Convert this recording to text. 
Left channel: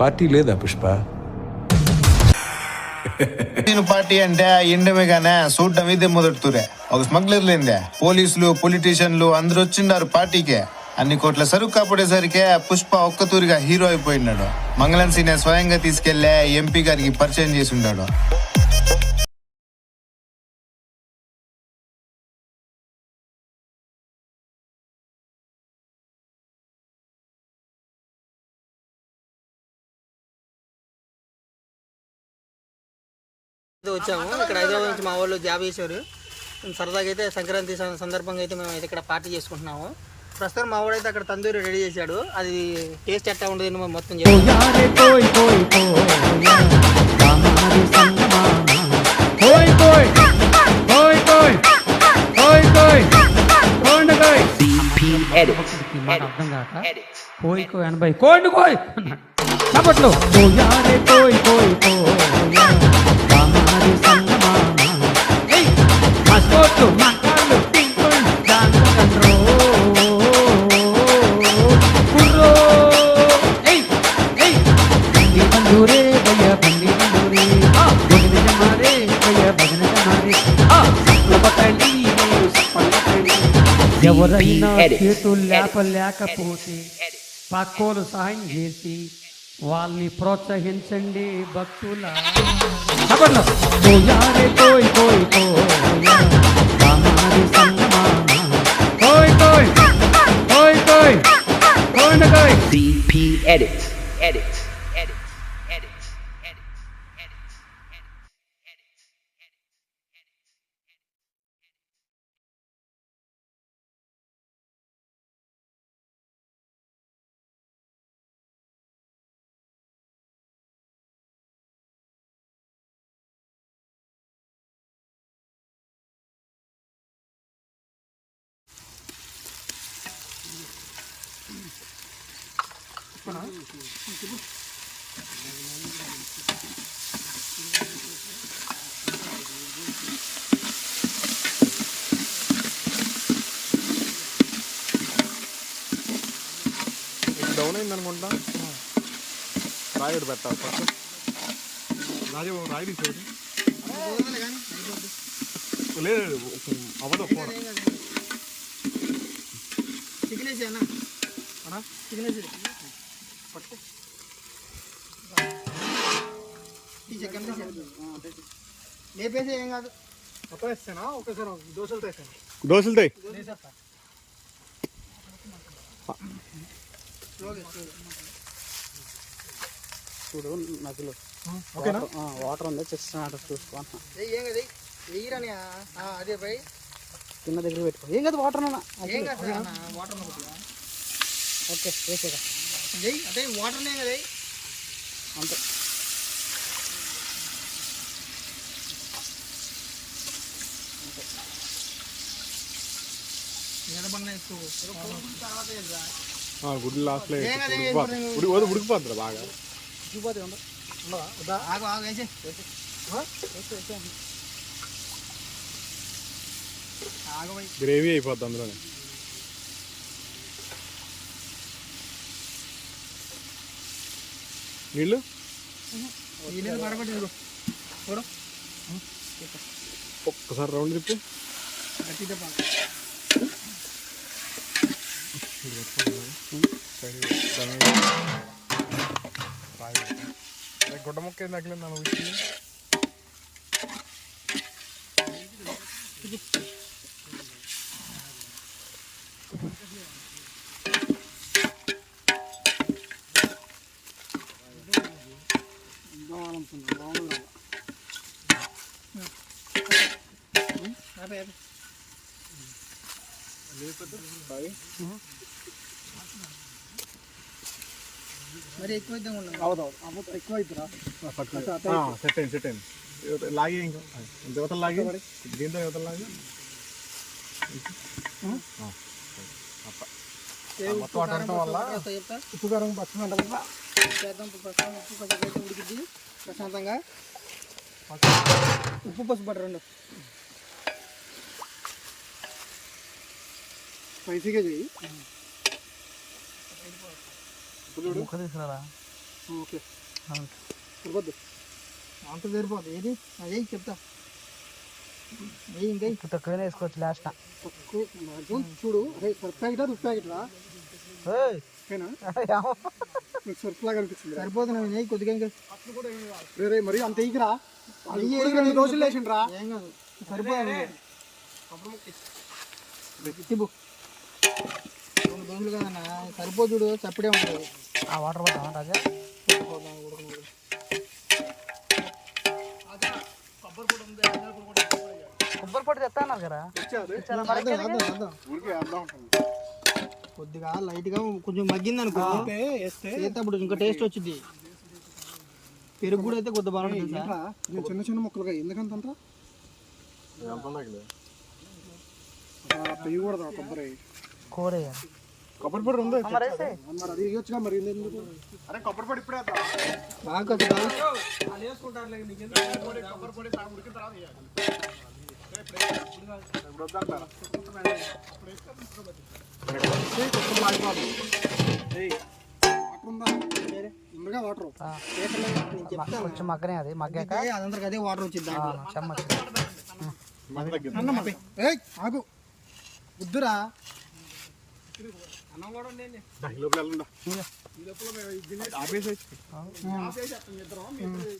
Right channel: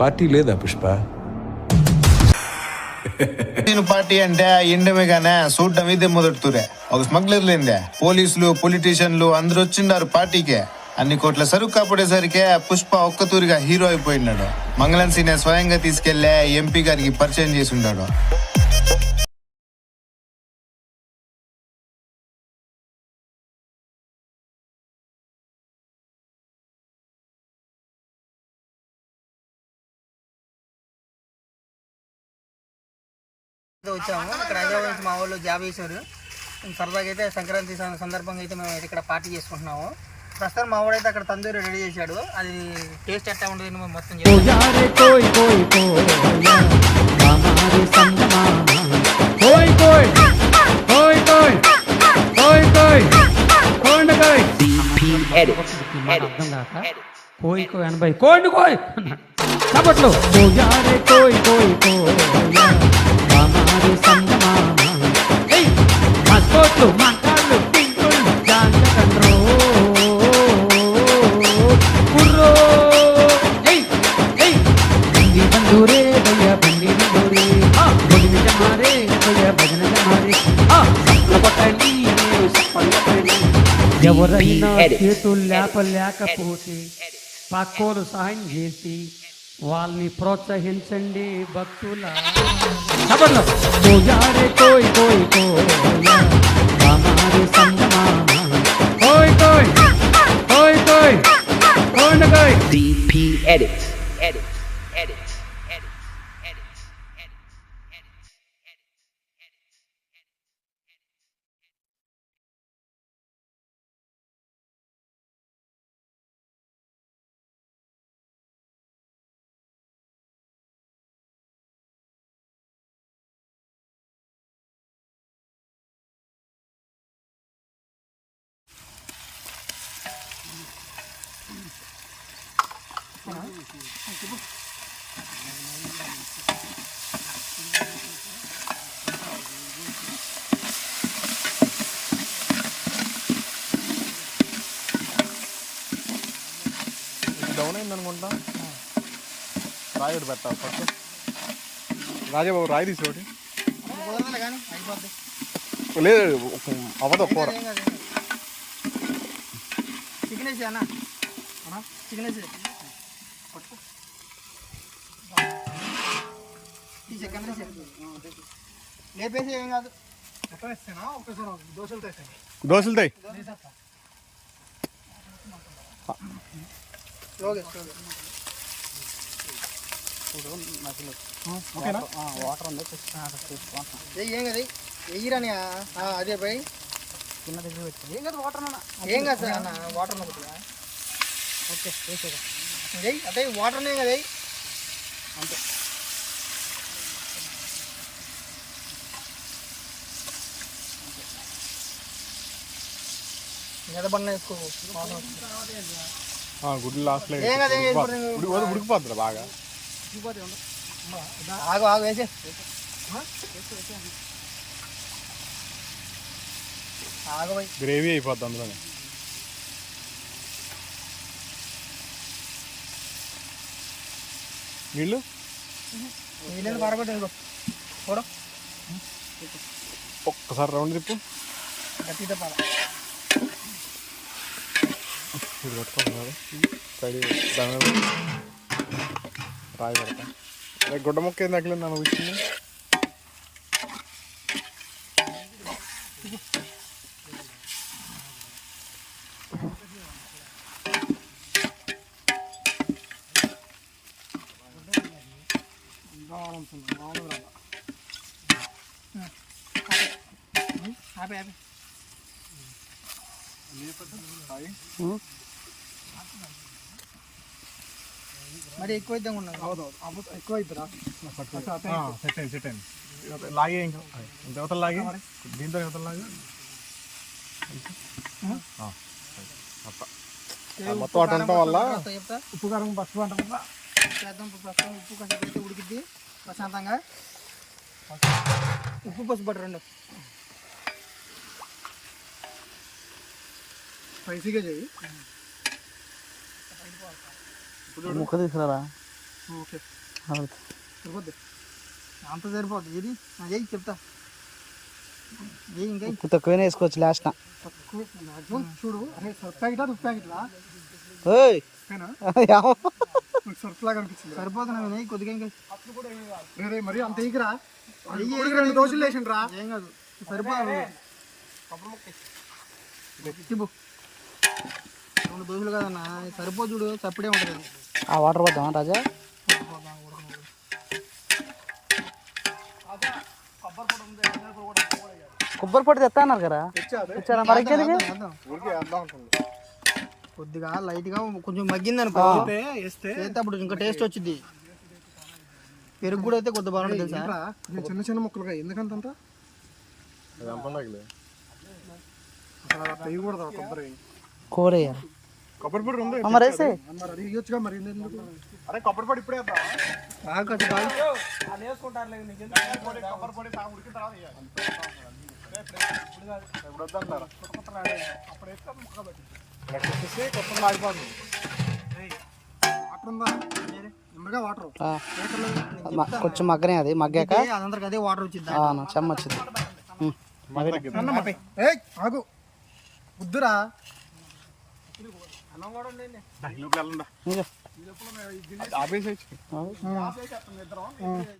Party లేదా పుష్ప? నేను party అంటే ఎండమే చూడడం ఇదే మొదటి తూరే ఒక స్మగ్లర్ లేందే పోలీసులు పొలిటీషియన్లు అందరూ వచ్చిండారు పార్టీకే. అన్ని కోట్ల సరుకు కాపాడేసరికే పుష్ప ఒక్క తూరిగా హీరో అయిపోయినాడు. మంగళం సీనే స్వయంగా తీసుకెళ్ళే ఎంపీ గారికి పరిచయం చేసి ఉన్నాడు వచ్చాము. ఇక్కడ హైదరాబాద్ నుంచి మా ఊళ్ళో జాబ్ చేశారు. సరదాగా అయితే సంక్రాంతి సందర్భంగా అయితే మేము ఇక్కడ పార్టీ చేసుకుంటున్నాము. ప్రస్తుతం మా ఊడైతే అక్కడ తందూరి రెడీ చేశాడు. అది టేస్ట్ ఎట్లా ఉండదు మేము మొత్తం కోయి కోయి అనబై కోండు కోయ్. చప్పట్లు. కోయారే కోయ్ కోయ్ కోయా హమారే సంగ మామ ఏయ్! మస్కోట్లు మంకాళ్ళు టింకుళ్ళు కుర్రో ఏయ్! ఏయ్! బండి బందూరే భయ్య బండి బందూరే గుడి జమారే భయ్య భజన జమారే. కొట్టండి నేను సప్పలు కొట్టండి. ఎవరైనా చేతులు లేప లేకపోతే పక్కోలు సహాయం చేసి వాళ్ళని ప్రోత్సహించండి భక్తుల 頑張りますとやれこいこいこやまるさんがままこいこいこい。こいこいなこい。DP エディットエディット డౌన్ అయింది అనుకుంటా రాయి ఒకటి పెట్టాలి ఫస్ట్. రాజా బాబు రాయి తీసేది. లేదు అవ్వదు కూర. చికెన్ వేసి అన్న. చికెన్ వేసి తీసే కెమెరా. లేపేసి ఏం కాదు. దోశలు తాయి. ఓకేనా? వాటర్ ఉంది ఏం కదా వెయ్యిరని అదే పోయి. కింద దగ్గర పెట్టు. ఏం కదా వాటర్ ఏం కాదు సార్? వాటర్ ఓకే వేసేదా అదే వాటర్నే కదా అంతే మీద బండ వేసుకో వాటర్ గుడ్లు లాస్ట్లో ఉడికి ఉడికిపోతుంది. బాగా. ఆగు ఆగు వేసి. గ్రేవీ అయిపోద్ది అందులోనే. నీళ్ళు? నీళ్ళు పరగొట్టు చూడు. ఒక్కసారి రౌండ్ తిప్పు. గట్టి తప్పాలి. ఇది పట్టుకోండి బాగా. సైడ్ దాని రాయి పెడతా. గుడ్డ మొక్క ఏం తగిలింది నన్ను? ఇచ్చింది ఆపే మరి ఎక్కువ ఇద్దాం ఉన్నాం ఎక్కువ ఇద్దరా సెట్ అయింది. సెట్ అయింది లాగే ఇంకా. యువతలు లాగే? దీంతో యువతలు లాగే? ఆ. మొత్తం. అటు ఉండటం వల్ల చెప్తా? ఉప్పు కారం పసుపు అంట చేద్దాం ప్రస్తుతం ఉప్పు కొంచెం ఉడికిద్ది. ప్రశాంతంగా. ఉప్పు పసుపు పట్టు రెండు. స్పైసీగా చెయ్యి ముక్క తీసుకురా అంత సరిపోద్ది ఏది? అదే చెప్తా. ఇంకా? తక్కువనే వేసుకోవచ్చు లాస్ట్ చూడు. నెయ్యి కొద్దిగా ఇంకా. రే మరి అంత ఎగిరా రెండు రోజులు లేచిండ్రా? ఏం కాదు. సరిపోదు. రెండు దోశలు కదన్నా సరిపోదు చూడు చప్పుడే ఉంటుంది. ఆ వాటర్ పోతాం రాజా? కొబ్బరి పొడి తెస్తా అన్నారు కదా? కొద్దిగా లైట్గా కొంచెం మగ్గింది అనుకో చేస్తే అప్పుడు ఇంకా టేస్ట్ వచ్చింది పెరుగు కూడా అయితే కొద్దిగా బాగుంటుంది తెలుసా? చిన్న చిన్న ముక్కలుగా ఎందుకంత కూర వేయాలి. కొబ్బరి పొడి ఉంది. ఆ, మరి వేసే మరి అది ఇవ్వచ్చుగా మరి అరే కొబ్బరి పొడి ఇప్పుడే కొబ్బరి పొడి ఉడికిన తర్వాత ఇప్పుడు వద్దంటారా అప్పుడు వేస్తే ముక్క పెట్టి. కొత్తగా లాగిపోతుంది వాటర్ ఆ. మ- కొంచెం మగ్గనే అది మగ్గాక? అదే వాటర్ వచ్చింది చెమ్మ వచ్చింది. ఉం. ఏయ్ ఆగు. వద్దురా. లోపల